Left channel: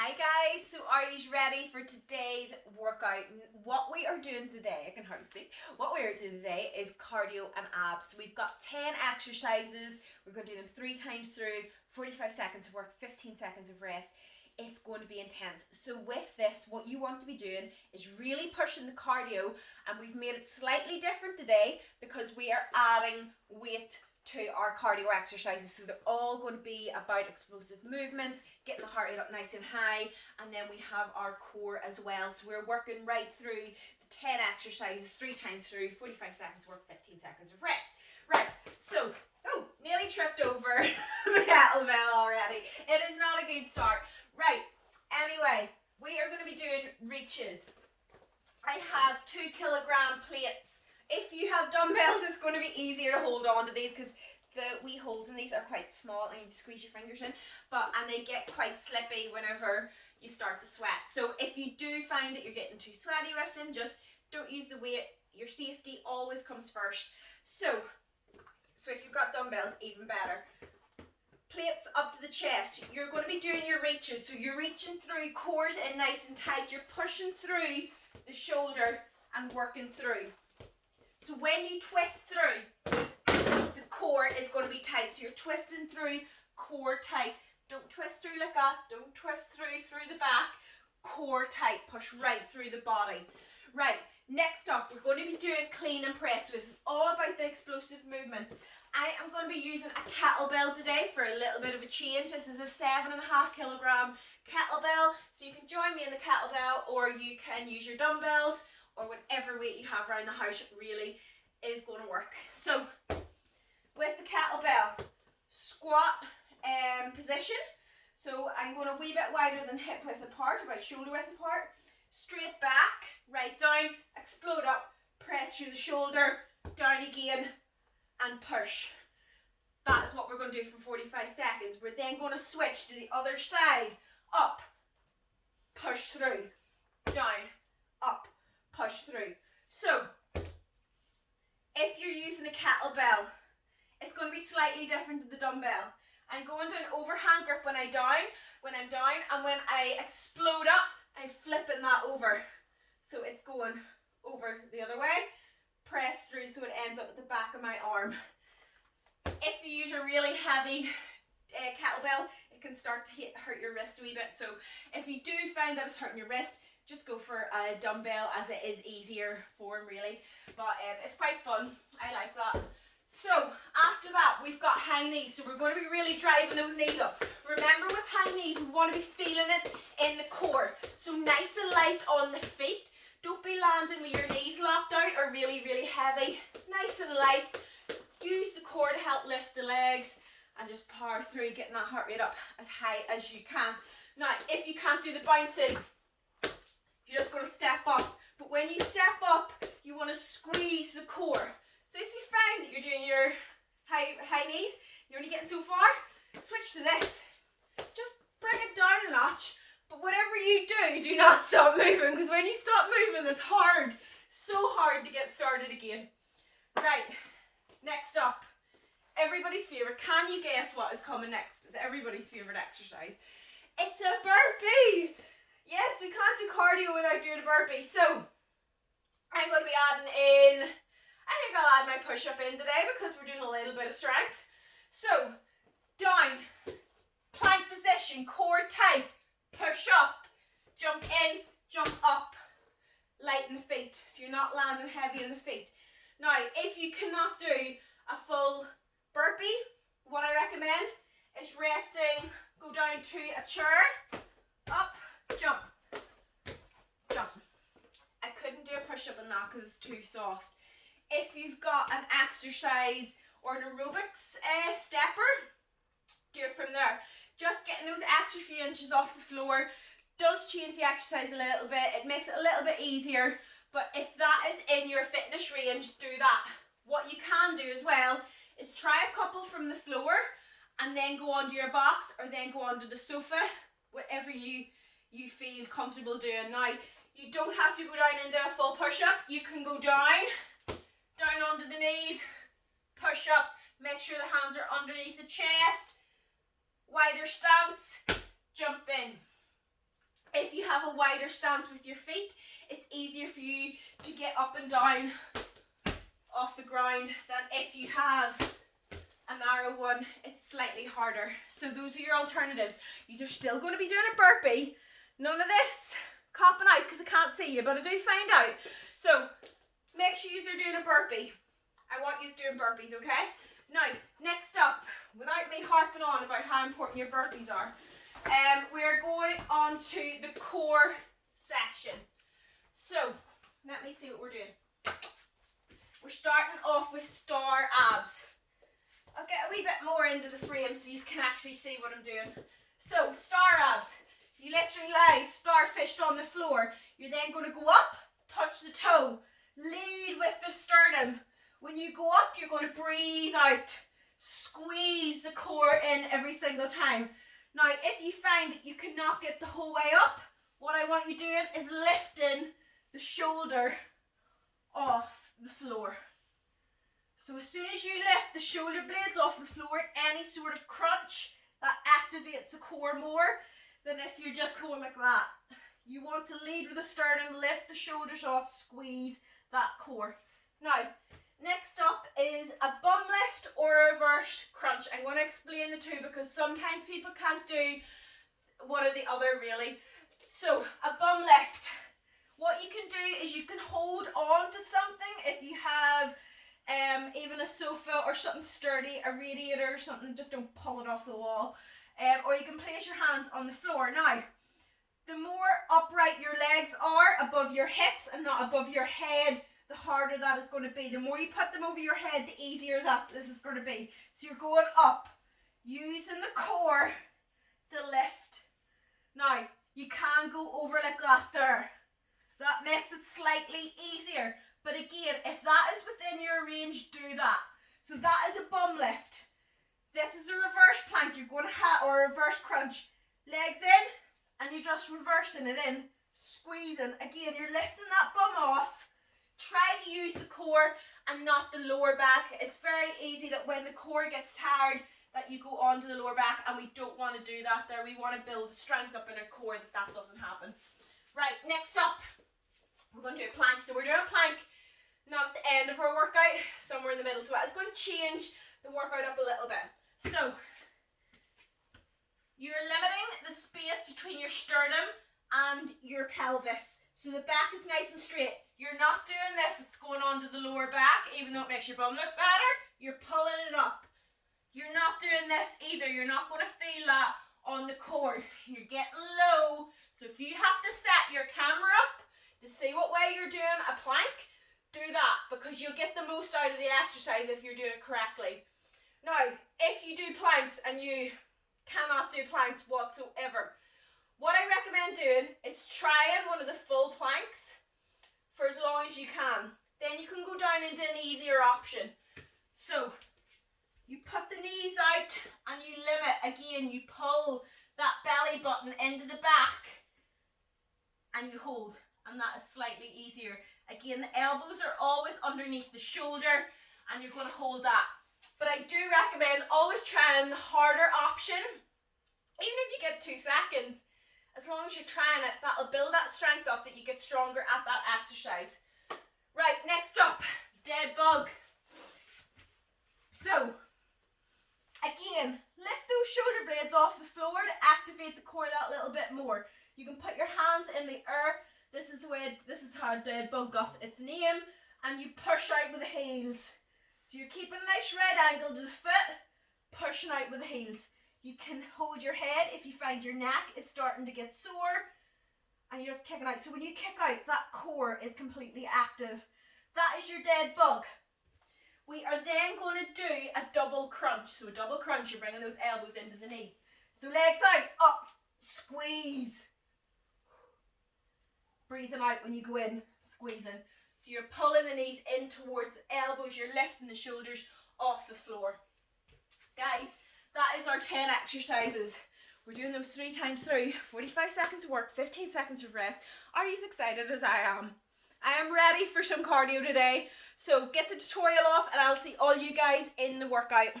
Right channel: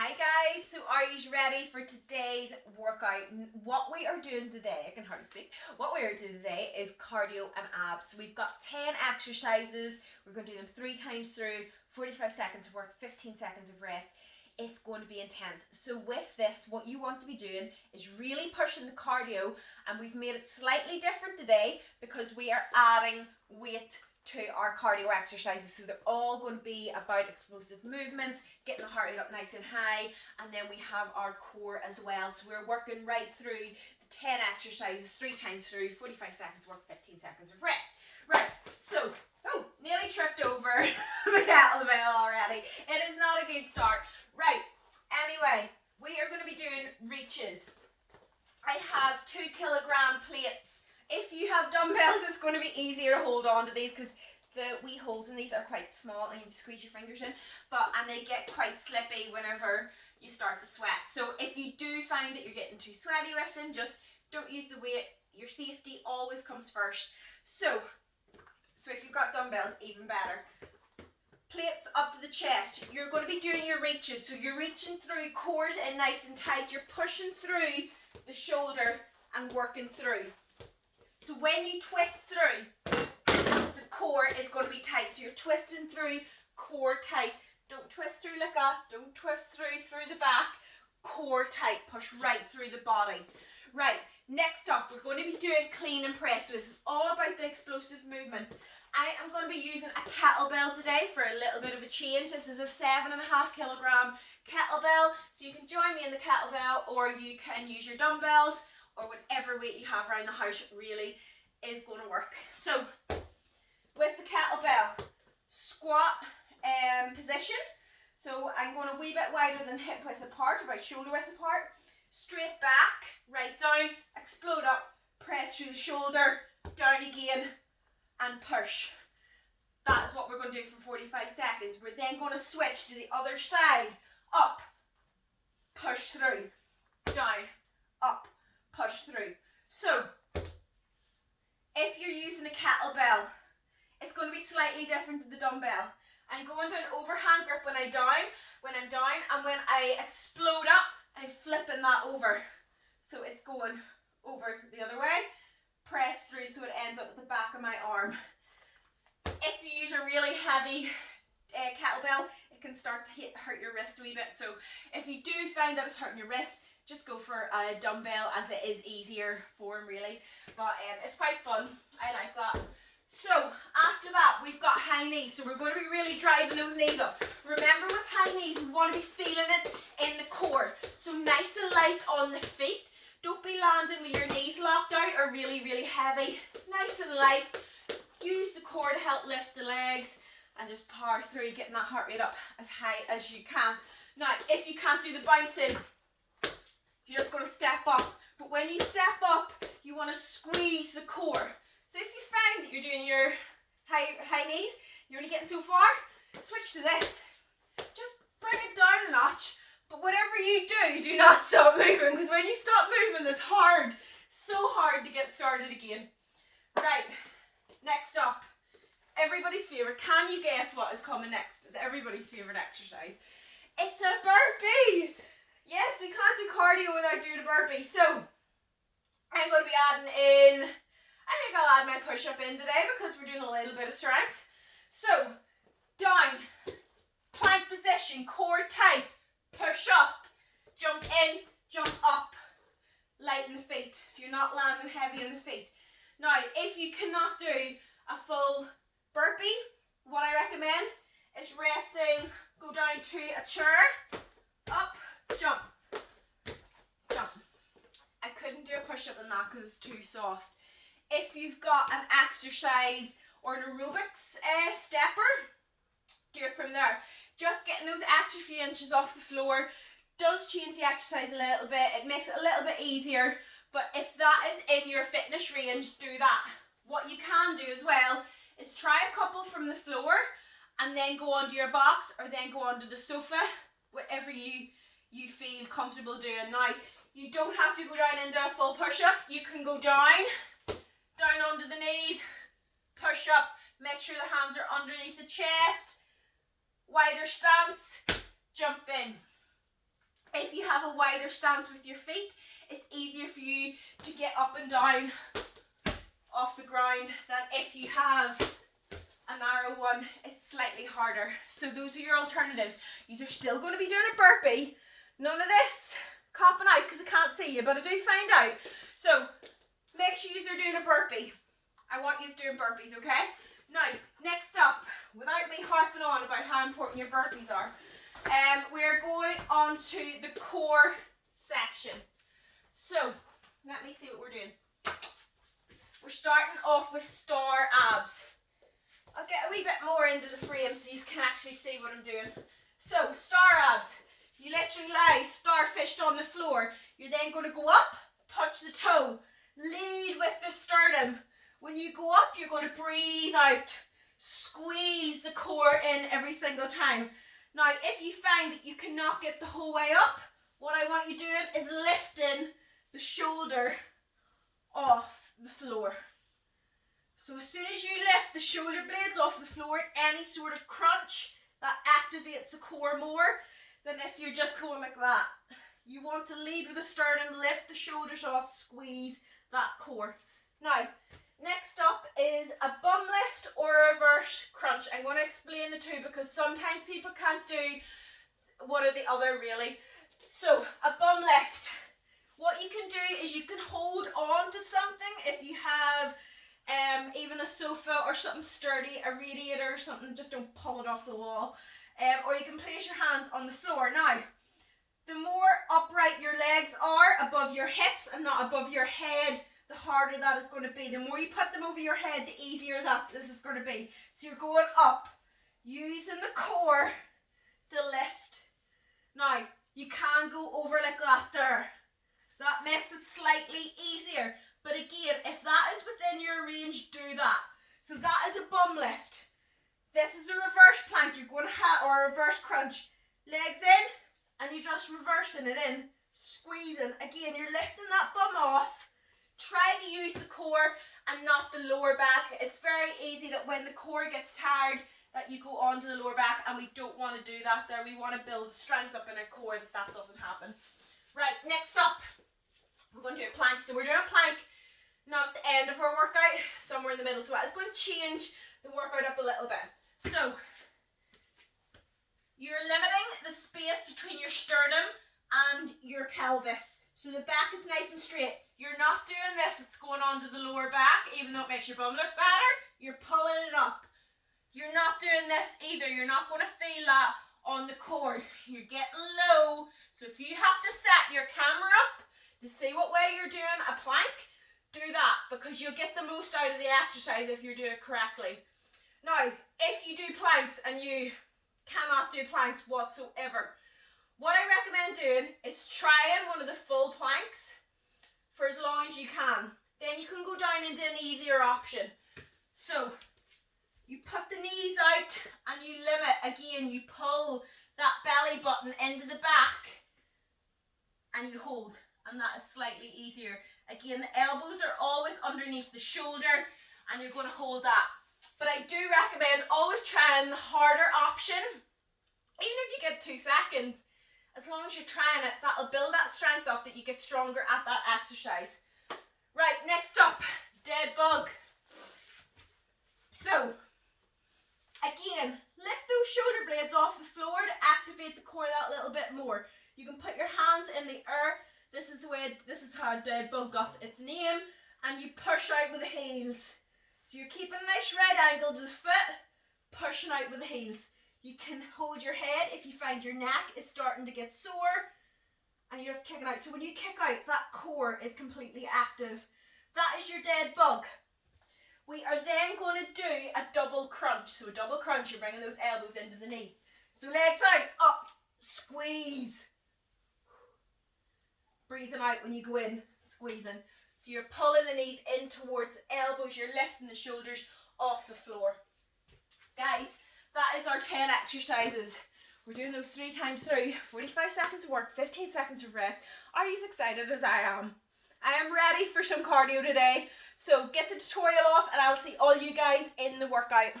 Hi guys, so are you ready for today's workout? What we are doing today, I can hardly speak, what we are doing today is cardio and abs. So we've got 10 exercises, we're going to do them 3 times through, 45 seconds of work, 15 seconds of rest. It's going to be intense. So with this, what you want to be doing is really pushing the cardio, and we've made it slightly different today because we are adding weight to our cardio exercises. So they're all going to be about explosive movements, getting the heart rate up nice and high, and then we have our core as well. So we're working right through the 10 exercises 3 times through, 45 seconds work, 15 seconds of rest. Right, so, nearly tripped over the kettlebell already. It is not a good start. Right, anyway, we are going to be doing reaches. I have 2 kilogram plates. If you have dumbbells, it's going to be easier to hold on to these because the wee holes in these are quite small and you squeeze your fingers in, and they get quite slippy whenever you start to sweat. So if you do find that you're getting too sweaty with them, just don't use the weight. Your safety always comes first. So if you've got dumbbells, even better. Plates up to the chest. You're going to be doing your reaches. So you're reaching through, core's in nice and tight. You're pushing through the shoulder and working through. So when you twist through, the core is going to be tight. So you're twisting through, core tight. Don't twist through like that. Don't twist through the back. Core tight. Push right through the body. Right, next up, we're going to be doing clean and press. So this is all about the explosive movement. I am going to be using a kettlebell today for a little bit of a change. This is a 7.5 kilogram kettlebell. So you can join me in the kettlebell, or you can use your dumbbells, or whatever weight you have around the house really is going to work. So with the kettlebell, squat position. So I'm going a wee bit wider than hip width apart, about shoulder width apart. Straight back, right down, explode up, press through the shoulder, down again, and push. That is what we're going to do for 45 seconds. We're then going to switch to the other side. Up, push through, down, up, push through. So if you're using a kettlebell, it's going to be slightly different to the dumbbell. I'm going to an overhand grip when I'm down, and when I explode up, I'm flipping that over. So it's going over the other way, press through so it ends up at the back of my arm. If you use a really heavy kettlebell, it can start to hurt your wrist a wee bit. So if you do find that it's hurting your wrist, just go for a dumbbell, as it is easier form really. But it's quite fun. I like that. So after that, we've got high knees. So we're going to be really driving those knees up. Remember, with high knees, we want to be feeling it in the core. So nice and light on the feet. Don't be landing with your knees locked out or really, really heavy. Nice and light. Use the core to help lift the legs and just power through, getting that heart rate up as high as you can. Now, if you can't do the bouncing, you're just going to step up. But when you step up, you want to squeeze the core. So if you find that you're doing your high knees, you're only getting so far, switch to this. Just bring it down a notch. But whatever you do, do not stop moving, because when you stop moving, it's hard. So hard to get started again. Right, next up, everybody's favourite. Can you guess what is coming next? It's everybody's favourite exercise. It's a burpee. Yes, we can't do cardio without doing a burpee. So I'm going to be adding in, I think I'll add my push-up in today because we're doing a little bit of strength. So down, plank position, core tight, push up, jump in, jump up, lighten the feet so you're not landing heavy on the feet. Now, if you cannot do a full burpee, what I recommend is resting, go down to a chair, up, jump, jump. I couldn't do a push-up on that because it's too soft. If you've got an exercise or an aerobics stepper, do it from there. Just getting those extra few inches off the floor does change the exercise a little bit. It makes it a little bit easier. But if that is in your fitness range, do that. What you can do as well is try a couple from the floor and then go onto your box, or then go onto the sofa, whatever you feel comfortable doing. Now, you don't have to go down into a full push-up. You can go down onto the knees, push up, make sure the hands are underneath the chest, wider stance, jump in. have a wider stance with your feet, it's easier for you to get up and down off the ground than if you have a narrow one. It's slightly harder. So those are your alternatives. You're still going to be doing a burpee. None of this copping out because I can't see you, but I do find out. So make sure you're doing a burpee. I want you doing burpees, okay? Now, next up, without me harping on about how important your burpees are, we're going on to the core section. So, let me see what we're doing. We're starting off with star abs. I'll get a wee bit more into the frame so you can actually see what I'm doing. So, star abs. You literally lie starfished on the floor. You're then going to go up, touch the toe, lead with the sternum. When you go up, you're going to breathe out. Squeeze the core in every single time. Now, if you find that you cannot get the whole way up, what I want you doing is lifting the shoulder off the floor. So as soon as you lift the shoulder blades off the floor, any sort of crunch, that activates the core more than if you're just going like that. You want to lead with the sternum, lift the shoulders off, squeeze that core. Now, next up is a bum lift or a reverse crunch. I'm going to explain the two because sometimes people can't do one or the other really. So, a bum lift. What you can do is you can hold on to something if you have even a sofa or something sturdy, a radiator or something, just don't pull it off the wall. Or you can place your hands on the floor. Now, the more upright your legs are above your hips and not above your head, the harder that is going to be. The more you put them over your head, the easier this is going to be. So you're going up, using the core to lift. Now, you can go over like that there. That makes it slightly easier. But again, if that is within your range, do that. So that is a bum lift. This is a reverse plank. You're going to have, or a reverse crunch. Legs in, and you're just reversing it in, squeezing. Again, you're lifting that bum off. Try to use the core and not the lower back. It's very easy that when the core gets tired, that you go on to the lower back, and we don't want to do that there. We want to build strength up in our core that doesn't happen. Right, next up, we're going to do a plank. So we're doing a plank, not at the end of our workout, somewhere in the middle. So that is going to change the workout up a little bit. So, you're limiting the space between your sternum and your pelvis. So the back is nice and straight. You're not doing this, it's going on to the lower back, even though it makes your bum look better, you're pulling it up. You're not doing this either, you're not going to feel that on the core. You're getting low, so if you have to set your camera up to see what way you're doing a plank, do that, because you'll get the most out of the exercise if you're doing it correctly. Now, if you do planks and you cannot do planks whatsoever, what I recommend doing is trying one of the full planks for as long as you can. Then you can go down into an easier option. So, you put the knees out and you limit. Again, you pull that belly button into the back and you hold. And that is slightly easier. Again, the elbows are always underneath the shoulder and you're going to hold that. But I do recommend always trying the harder option. Even if you get 2 seconds, as long as you're trying it, that'll build that strength up that you get stronger at that exercise. Right, next up, dead bug. So, again, lift those shoulder blades off the floor to activate the core that little bit more. You can put your hands in the air. This is how dead bug got its name. And you push out with the heels. So you're keeping a nice right angle to the foot, pushing out with the heels. You can hold your head if you find your neck is starting to get sore and you're just kicking out. So when you kick out, that core is completely active. That is your dead bug. We are then going to do a double crunch. So a double crunch, you're bringing those elbows into the knee. So legs out, up, squeeze. Breathing out when you go in, squeezing. So you're pulling the knees in towards the elbows, you're lifting the shoulders off the floor. Guys, that is our 10 exercises. We're doing those 3 times through. 45 seconds of work, 15 seconds of rest. Are you as excited as I am? I am ready for some cardio today. So get the tutorial off and I'll see all you guys in the workout.